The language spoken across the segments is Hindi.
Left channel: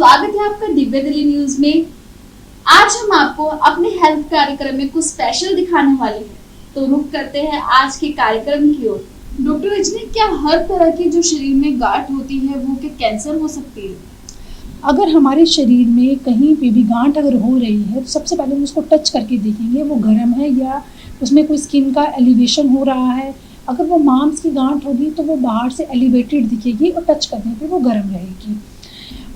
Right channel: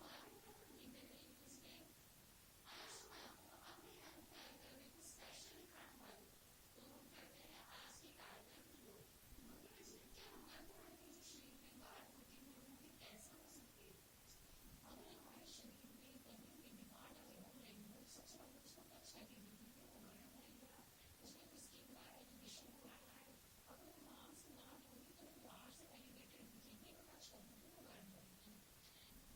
स्वागत है आपका दिव्य दिल्ली न्यूज में। आज हम आपको अपने हेल्थ कार्यक्रम में कुछ स्पेशल दिखाने वाले हैं, तो रुक करते हैं आज के कार्यक्रम की ओर। डॉक्टर रजनी, क्या हर तरह की जो शरीर में गांठ होती है वो क्या कैंसर हो सकती है? अगर हमारे शरीर में कहीं पे भी गांठ अगर हो रही है तो सबसे पहले हम उसको टच करके देखेंगे वो गर्म है या उसमें कोई स्किन का एलिवेशन हो रहा है। अगर वो मांस की गांठ होगी तो वो बाहर से एलिवेटेड दिखेगी और टच करने पे वो गर्म रहेगी।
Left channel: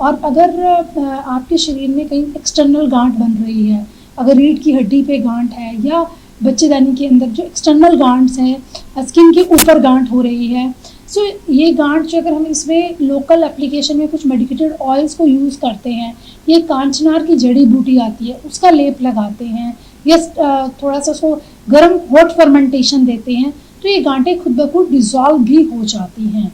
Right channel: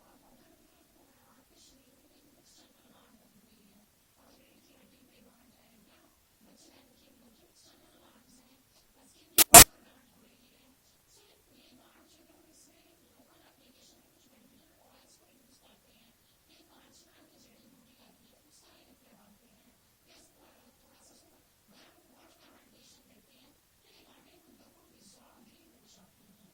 और अगर आपके शरीर में कहीं एक्सटर्नल गांठ बन रही है, अगर रीढ़ की हड्डी पे गांठ है या बच्चेदानी के अंदर जो एक्सटर्नल गांठ हैं, स्किन के ऊपर गांठ हो रही है, सो ये गांठ जो अगर हम इसमें लोकल एप्लीकेशन में कुछ मेडिकेटेड ऑयल्स को यूज़ करते हैं, ये कांचनार की जड़ी बूटी आती है उसका लेप लगाते हैं या थोड़ा सा उसको गर्म हॉट फर्मेंटेशन देते हैं तो ये गांठें खुद ब खुद डिज़ोल्व भी हो जाती हैं।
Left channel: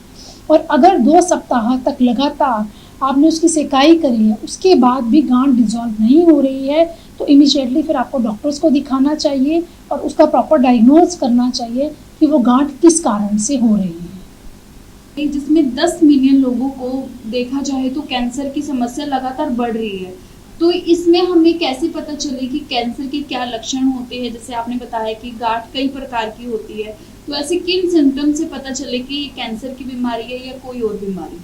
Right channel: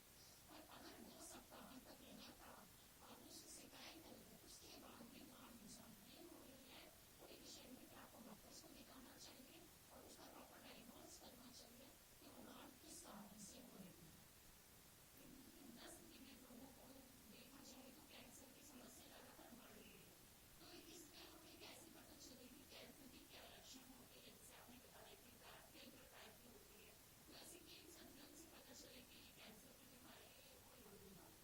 और अगर 2 सप्ताह तक लगातार आपने उसकी सेकाई करी है उसके बाद भी गांठ डिज़ोल्व नहीं हो रही है तो इमीडिएटली फिर आपको डॉक्टर्स को दिखाना चाहिए और उसका प्रॉपर डायग्नोज करना चाहिए कि वो गांठ किस कारण से हो रही है। जिसमें 10 मिलियन लोगों को देखा जाए तो कैंसर की समस्या लगातार बढ़ रही है, तो इसमें हमें कैसे पता चले कि कैंसर के क्या लक्षण होते हैं? जैसे आपने बताया कि गांठ कई प्रकार की होती है, तो ऐसे किन सिम्टम्स से पता चले कि ये कैंसर की बीमारी है या कोई और बीमारी?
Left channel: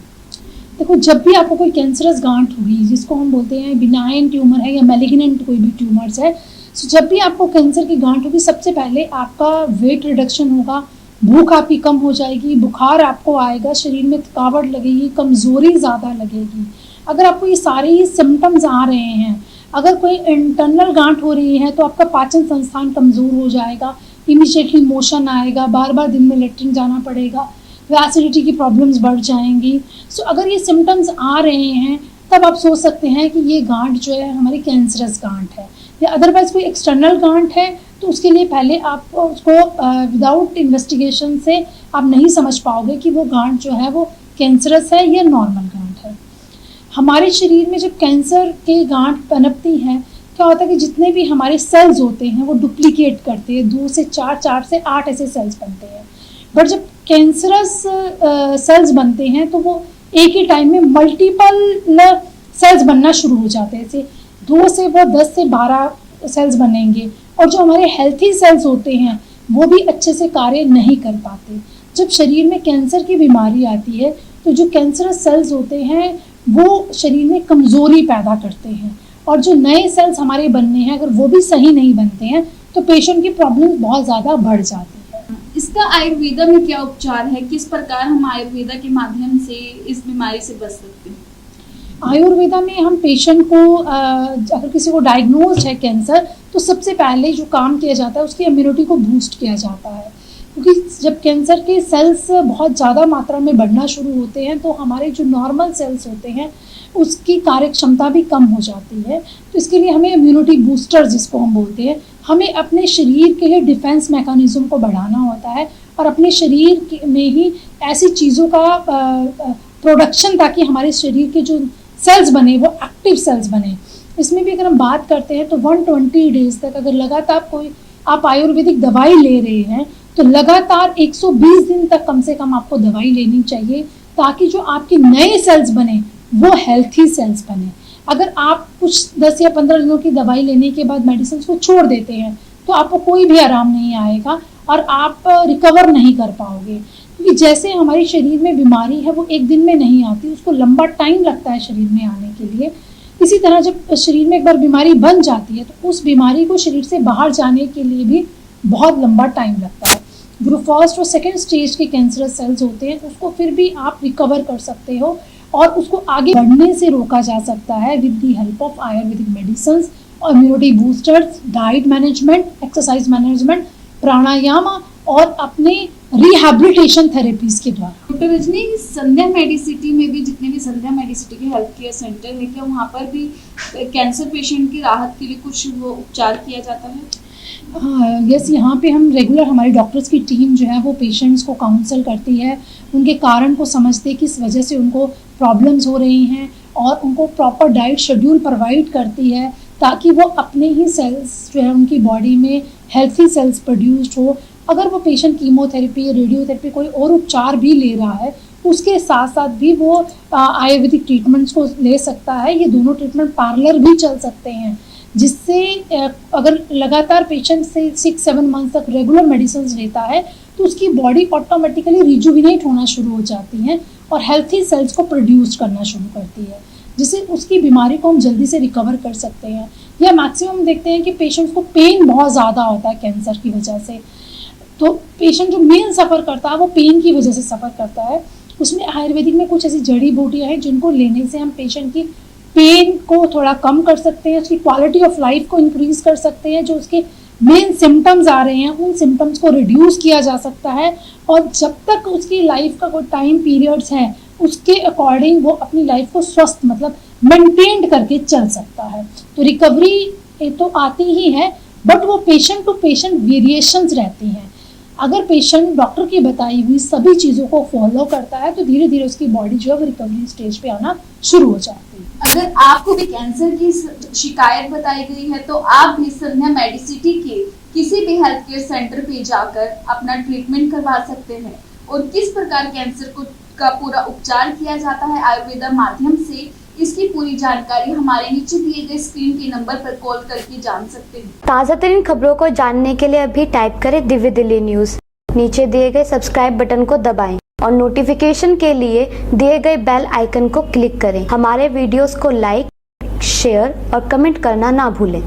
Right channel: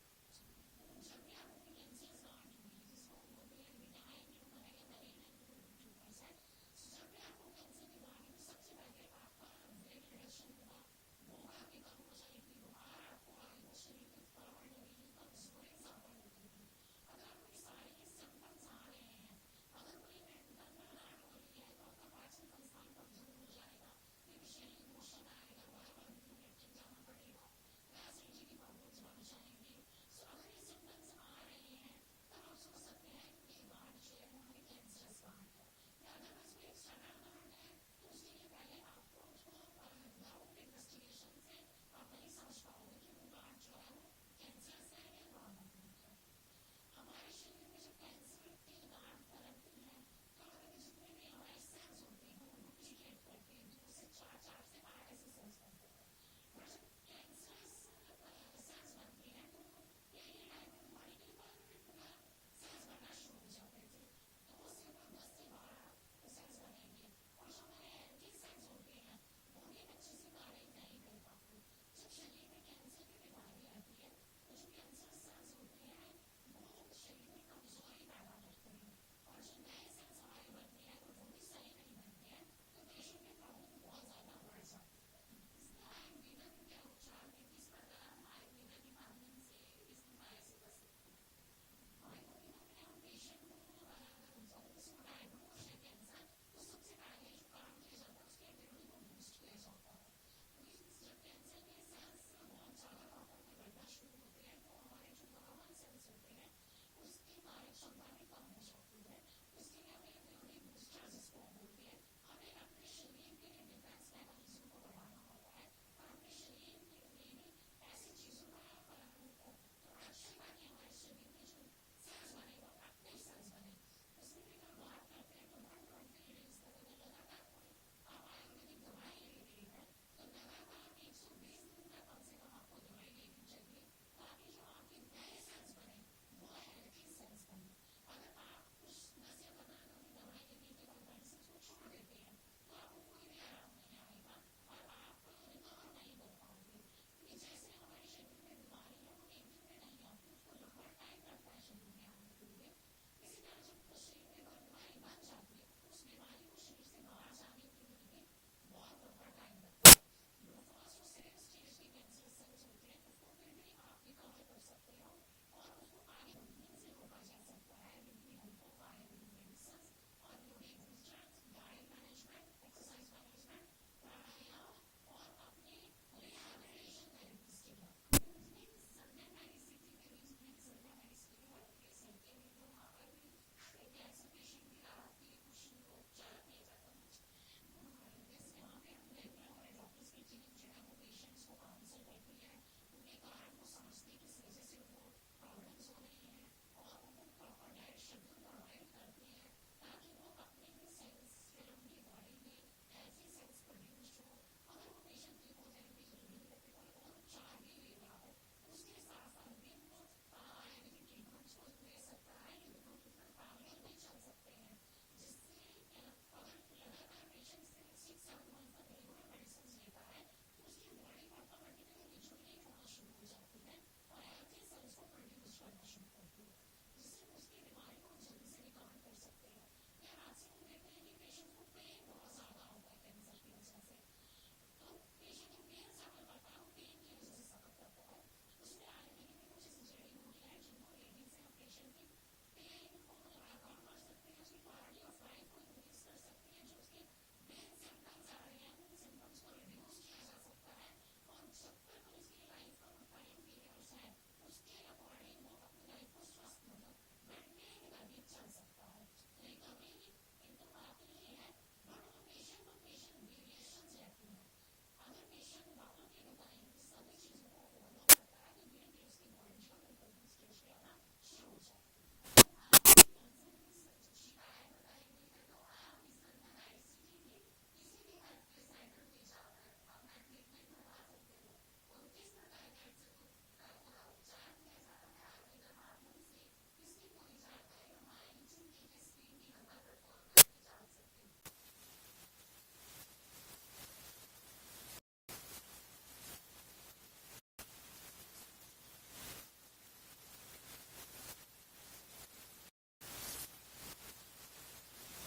देखो, जब भी आपको कोई कैंसरस गांठ होगी जिसको हम बोलते हैं बिनाइन ट्यूमर है या मैलिग्नेंट कोई भी ट्यूमर्स है, तो जब भी आपको कैंसर की गांठ होगी सबसे पहले आपका वेट रिडक्शन होगा, भूख आपकी कम हो जाएगी, बुखार आपको आएगा, शरीर में थकावट लगेगी, कमज़ोरी ज़्यादा लगेगी। अगर आपको ये सारे ही सिम्टम्स आ रहे हैं, अगर कोई इंटरनल गांठ हो रही है तो आपका पाचन संस्थान कमज़ोर हो जाएगा, इमीडिएटली मोशन आएगा, बार बार दिन में लेटरिन जाना पड़ेगा, एसिडिटी की प्रॉब्लम्स बढ़ जाएंगी। सो अगर ये सिम्टम्स आ रहे हैं तब आप सोच सकते हैं कि ये गांठ जो है हमारी कैंसरस गांठ है। या अदरवाइज कोई एक्सटर्नल गांठ है तो उसके लिए पहले आप उसको विदाउट इन्वेस्टिगेशन से आप नहीं समझ पाओगे कि वो गांठ जो है वो कैंसरस है या नॉर्मल गांठ है। हमारे शरीर में जब कैंसर के गांठ पनपती हैं, क्या होता है कि जितने भी हमारे सेल्स होते हैं वो डुप्लीकेट करते हैं, 2 से 4 से 8 ऐसे सेल्स बनते हैं। बट जब कैंसरस सेल्स बनते हैं तो वो एक ही टाइम में मल्टीपल सेल्स बनना शुरू हो जाते हैं। जैसे 2 से वो 10 से 12 सेल्स बनेंगे और जो हमारे हेल्थी सेल्स होते हैं वो भी अच्छे से कार्य नहीं कर पाते। जब शरीर में कैंसर की बीमारी आती है तो जो कैंसरस सेल्स होते हैं वो शरीर में कमज़ोरी पैदा करते हैं और जो नए सेल्स हमारे बनने हैं अगर वो भी सही नहीं बनते हैं तो पेशेंट की प्रॉब्लम बहुत ज़्यादा बढ़ जाती है। इसका आयुर्वेदा में क्या उपचार है? किस प्रकार हम आयुर्वेदा के माध्यम से इस बीमारी से बच सकते हैं? आयुर्वेदा में हम पेशेंट को अगर किसी को डायग्नोज है कैंसर तो सबसे पहले जो काम किया जाता है उसकी इम्यूनिटी को बूस्ट किया जाता है, क्योंकि जब कैंसर के सेल्स बहुत ज़्यादा मात्रा में बढ़ना शुरू होते हैं तो हमारे जो नॉर्मल सेल्स होते हैं उसकी कार्य क्षमता भी कम हो जाती है। तो इसके लिए हमें इम्यूनिटी बूस्टर जिसको हम बोलते हैं, हमें अपने शरीर के लिए डिफेंस मैकेनिज्म को बढ़ाना होता है और अपने शरीर में ही ऐसी चीज़ों का प्रोडक्शन ताकि हमारे शरीर के जो सेल्स बने वो एक्टिव सेल्स बने। इसमें भी अगर हम बात करते हैं तो 120 डेज तक अगर लगातार कोई आप आयुर्वेदिक दवाई ले रहे हैं तो लगातार 120 दिन तक कम से कम आपको दवाई लेनी चाहिए ताकि जो आपके नए सेल्स बने वो हेल्थी सेल्स बने। अगर आप कुछ 10 या 15 दिनों की दवाई लेने के बाद मेडिसिन को छोड़ देते हैं तो आपको कोई भी आराम नहीं आएगा और आप रिकवर नहीं कर पाओगे, क्योंकि जैसे हमारे शरीर में बीमारी है वो एक दिन में नहीं आती, उसको लंबा टाइम लगता है शरीर में आने के लिए। इसी तरह जब शरीर में एक बार बीमारी बन जाती है तो उस बीमारी को शरीर से बाहर जाने के लिए भी बहुत लंबा टाइम लगता है। जो फर्स्ट और सेकेंड स्टेज के कैंसरस सेल्स होते हैं उसको फिर भी आप रिकवर कर सकते हो और उसको आगे बढ़ने से रोका जा सकता है with the help of Ayurvedic medicine और immunity boosters, diet management, exercise management, pranayama और अपने रिहैबिलिटेशन थेरेपीज के द्वारा। डॉक्टर रजनी, संध्या मेडिसिटी में भी जितने भी संध्या मेडिसिटी के हेल्थ केयर सेंटर है, क्या वहाँ पर भी कैंसर पेशेंट की राहत के लिए कुछ वो उपचार किया जाता है? हाँ, यस, यहाँ पे हम रेगुलर हमारी डॉक्टर्स की टीम जो है वो पेशेंट्स को काउंसल करती है, उनके कारण को समझते किस वजह से उनको प्रॉब्लम्स हो रही हैं और उनको प्रॉपर डाइट शेड्यूल प्रोवाइड करती है ताकि वो अपने ही सेल्स जो है उनकी बॉडी में हेल्थी सेल्स प्रोड्यूस्ड हो। अगर वो पेशेंट कीमोथेरेपी, रेडियोथेरेपी, कोई और उपचार भी ले रहा है उसके साथ साथ भी वो आयुर्वेदिक ट्रीटमेंट्स को ले सकता है। ये दोनों ट्रीटमेंट पैरेलल भी चल सकते हैं, जिससे अगर लगातार पेशेंट से 6-7 मंथ तक रेगुलर मेडिसिन लेता है तो उसकी बॉडी ऑटोमेटिकली रिजुविनेट होना शुरू हो जाती है और हेल्थी सेल्स को प्रोड्यूस करना शुरू करती है, जिससे उसकी बीमारी को हम जल्दी से रिकवर कर सकते हैं। या मैक्सिमम देखते हैं कि पेशेंट्स को पेन बहुत ज़्यादा होता है कैंसर की वजह से, तो पेशेंट जो मेन सफ़र करता है वो पेन की वजह से सफ़र करता है। उसमें आयुर्वेदिक में कुछ ऐसी जड़ी बूटियाँ हैं जिनको लेने से हम पेशेंट की पेन को थोड़ा कम कर सकते हैं, उसकी क्वालिटी ऑफ लाइफ को इंक्रीज़ कर सकते हैं। जो उसके मेन सिम्टम्स आ रहे हैं उन सिम्टम्स को रिड्यूस किया जा सकता है, और जब तक उसकी लाइफ का कोई टाइम पीरियड्स है उसके अकॉर्डिंग वो अपनी लाइफ को स्वस्थ मतलब मेंटेन करके चल सकता है। तो रिकवरी तो आती ही है, बट वो पेशेंट टू पेशेंट वेरिएशंस रहती हैं। अगर पेशेंट डॉक्टर की बताई हुई सभी चीज़ों को फॉलो करता है तो धीरे धीरे उसकी बॉडी जो है वो रिकवरी स्टेज पे आना शुरू हो जाती है। अगर आपको भी कैंसर की शिकायत बताई गई है तो आप भी संध्या मेडिसिटी के किसी भी हेल्थ केयर सेंटर पे जाकर अपना ट्रीटमेंट करवा सकते हैं। और किस प्रकार कैंसर का पूरा उपचार किया जाता है आयुर्वेदा माध्यम से, इसकी पूरी जानकारी हमारे नीचे दिए गए स्क्रीन के नंबर पर कॉल करके जान सकते हैं। ताज़ा तरीन खबरों को जानने के लिए अभी टाइप करें दिव्य दिल्ली न्यूज़। नीचे दिए गए सब्सक्राइब बटन को दबाएं और नोटिफिकेशन के लिए दिए गए बेल आइकन को क्लिक करें। हमारे वीडियोस को लाइक, शेयर और कमेंट करना ना भूलें।